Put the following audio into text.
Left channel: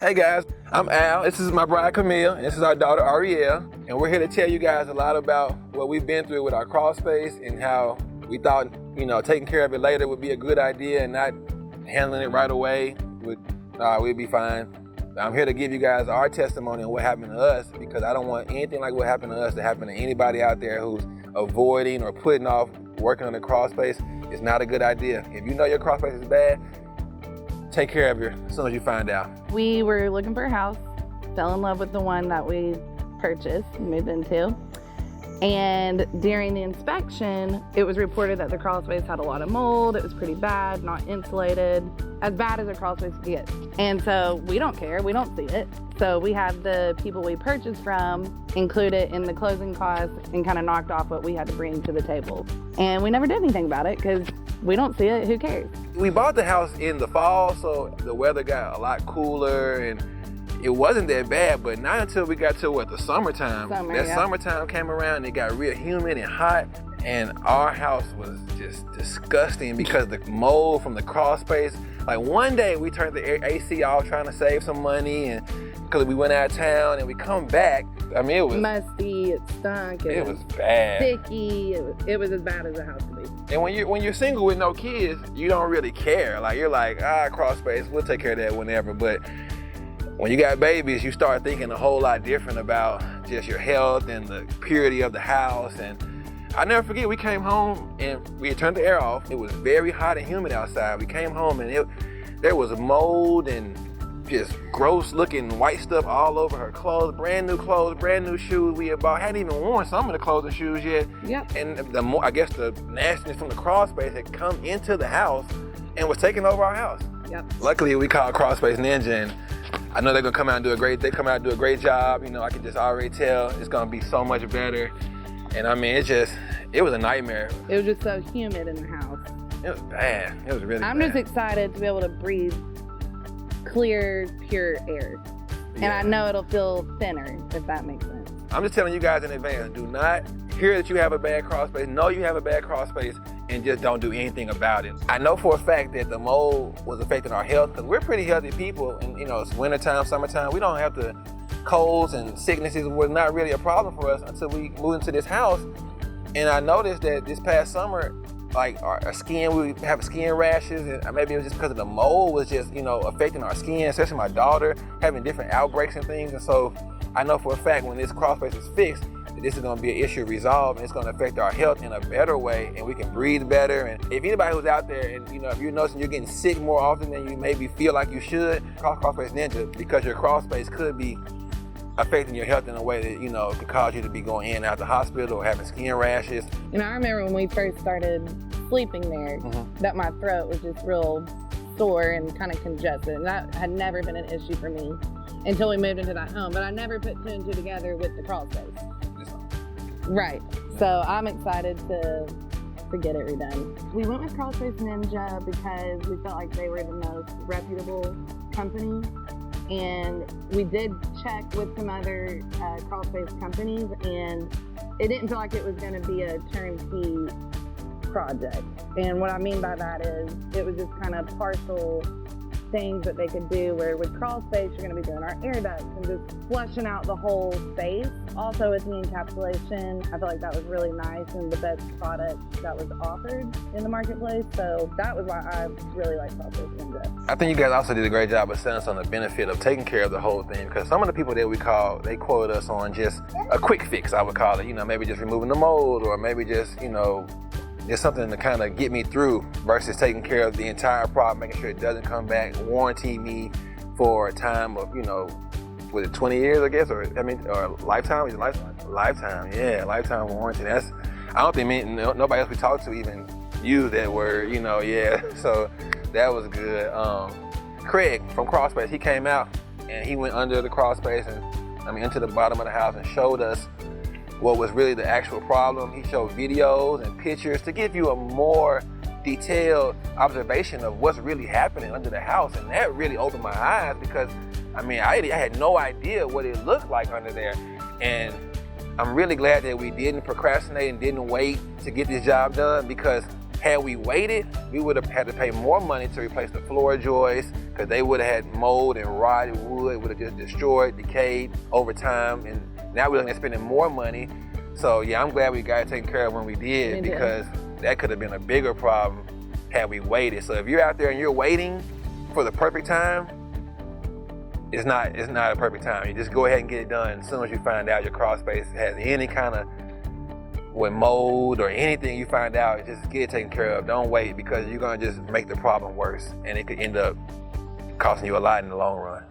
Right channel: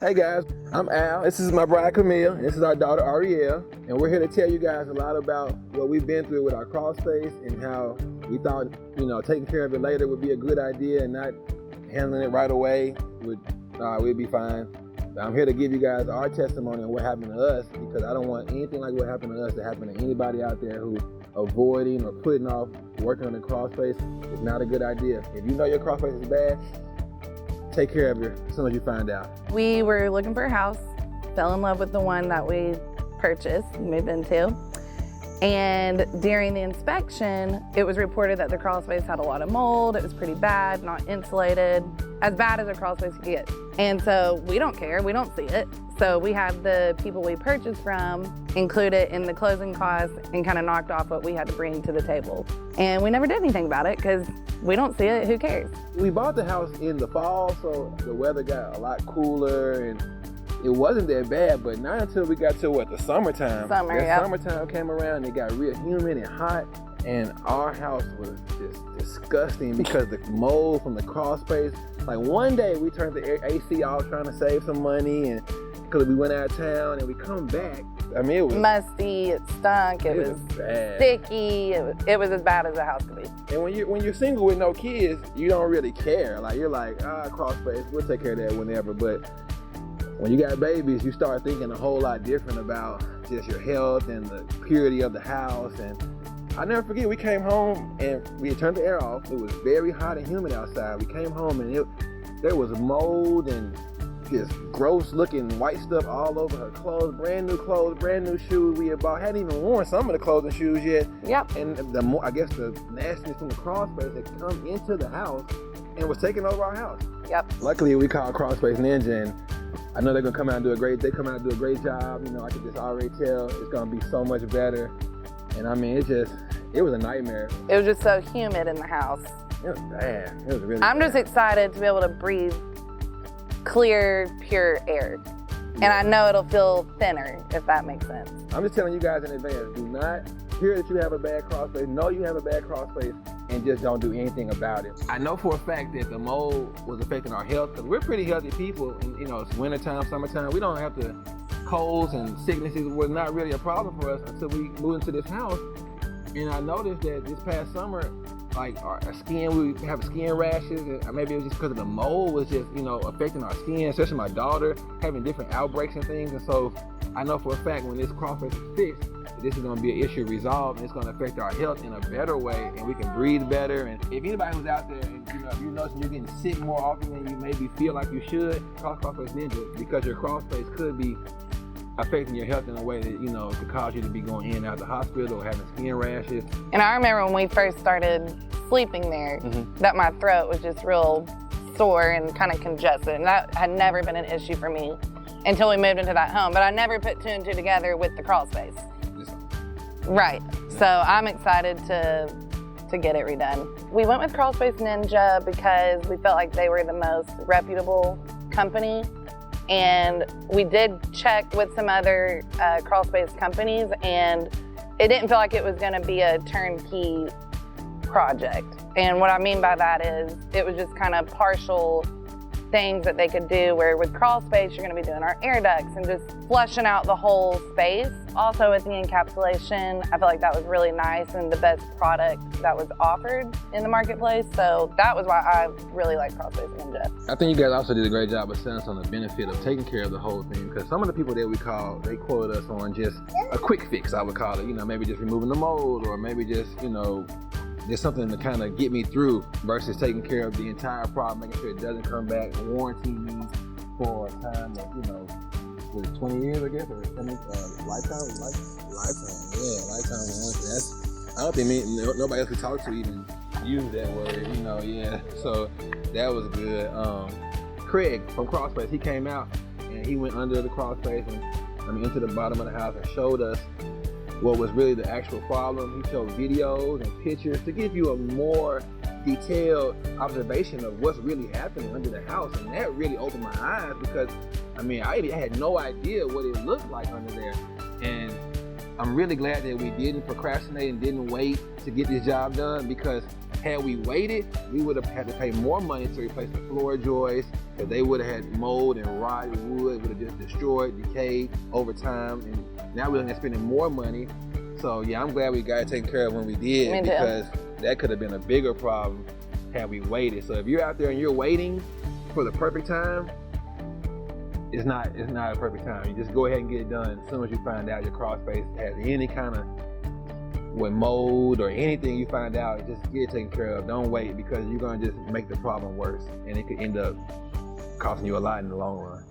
Hey guys, I'm Al. This is my bride Camille. This is our daughter Ariel, and we're here to tell you guys a lot about what we've been through with our crawl space and how we thought, taking care of it later would be a good idea and not handling it right away we'd be fine. I'm here to give you guys our testimony on what happened to us because I don't want anything like what happened to us to happen to anybody out there who's avoiding or putting off working on the crawl space. It's not a good idea. If you know your crawl space is bad, take care of it as soon as you find out. We were looking for a house, fell in love with the one that we purchased and moved into. And during the inspection, it was reported that the crawl space had a lot of mold. It was pretty bad, not insulated, as bad as a crawl space could get. And so we don't care, we don't see it. So we had the people we purchased from include it in the closing costs and kind of knocked off what we had to bring to the table. And we never did anything about it because we don't see it, who cares? We bought the house in the fall, so the weather got a lot cooler and it wasn't that bad, but not until we got to the summertime. Summertime came around and it got real humid and hot, and our house was just disgusting because the mold from the crawl space. Like one day we turned the AC off trying to save some money, and because we went out of town and we come back, I mean, it was musty, it stunk, it was bad. Sticky, it was as bad as a house could be. And when you're single with no kids, you don't really care. Like you're like, crawl space, we'll take care of that whenever. But when you got babies, you start thinking a whole lot different about just your health and the purity of the house. And I never forget, we came home and we had turned the air off. It was very hot and humid outside. We came home and there was mold and just gross looking white stuff all over her clothes, brand new shoes we had bought. Hadn't even worn some of the clothes and shoes yet. Yep. And I guess the nastiness from the crawl space had come into the house and was taking over our house. Yep. Luckily, we called Crawl Space Ninja, and I know they're gonna come out and do a great job. I can just already tell it's gonna be so much better. And I mean, it was a nightmare. It was just so humid in the house. It was bad. It was really I'm bad. just excited to be able to breathe clear, pure air. And I know it'll feel thinner, if that makes sense. I'm just telling you guys in advance, do not hear that you have a bad crawl space, know you have a bad crawl space, and just don't do anything about it. I know for a fact that the mold was affecting our health because we're pretty healthy people, and it's wintertime, summertime. We don't have the colds and sicknesses was not really a problem for us until we moved into this house. And I noticed that this past summer, like our skin, we would have skin rashes, and maybe it was just because of the mold was just, affecting our skin, especially my daughter, having different outbreaks and things. And so I know for a fact when this crawl space is fixed, that this is gonna be an issue resolved, and it's gonna affect our health in a better way, and we can breathe better. And if anybody who's out there and, if you're noticing you're getting sick more often than you maybe feel like you should, call Crawl Space Ninja, because your crawl space could be affecting your health in a way that, could cause you to be going in and out the hospital or having skin rashes. And I remember when we first started sleeping there, that my throat was just real sore and kind of congested. And that had never been an issue for me until we moved into that home. But I never put two and two together with the crawl space. Right. So I'm excited to get it redone. We went with Crawl Space Ninja because we felt like they were the most reputable company. And we did check with some other crawl space companies, and it didn't feel like it was gonna be a turnkey project. And what I mean by that is it was just kind of partial things that they could do, where with crawl space you're going to be doing our air ducts and just flushing out the whole space. Also with the encapsulation, I feel like that was really nice and the best product that was offered in the marketplace. So that was why I really like Crawl Space Ninja. I think you guys also did a great job of selling us on the benefit of taking care of the whole thing, because some of the people that we called, they quoted us on just a quick fix, I would call it. Maybe just removing the mold, or maybe just, there's something to kind of get me through versus taking care of the entire problem, making sure it doesn't come back, warranty me for a time of, was it 20 years, I guess, or lifetime? Lifetime, yeah, lifetime warranty. I don't think nobody else we talked to even used that word, yeah. So that was good. Craig from Crawl Space, he came out and he went under the crawl space and into the bottom of the house and showed us what was really the actual problem. He showed videos and pictures to give you a more detailed observation of what's really happening under the house. And that really opened my eyes because, I had no idea what it looked like under there. And I'm really glad that we didn't procrastinate and didn't wait to get this job done, because Had we waited, we would have had to pay more money to replace the floor joists, because they would have had mold and rotted wood, would have just destroyed, decayed over time, and now we're looking at spending more money. So yeah, I'm glad we got it taken care of when we did, because that could have been a bigger problem had we waited. So if you're out there and you're waiting for the perfect time, it's not a perfect time. You just go ahead and get it done as soon as you find out your crawl space has any kind of with mold or anything you find out, just get it taken care of. Don't wait, because you're gonna just make the problem worse, and it could end up costing you a lot in the long run.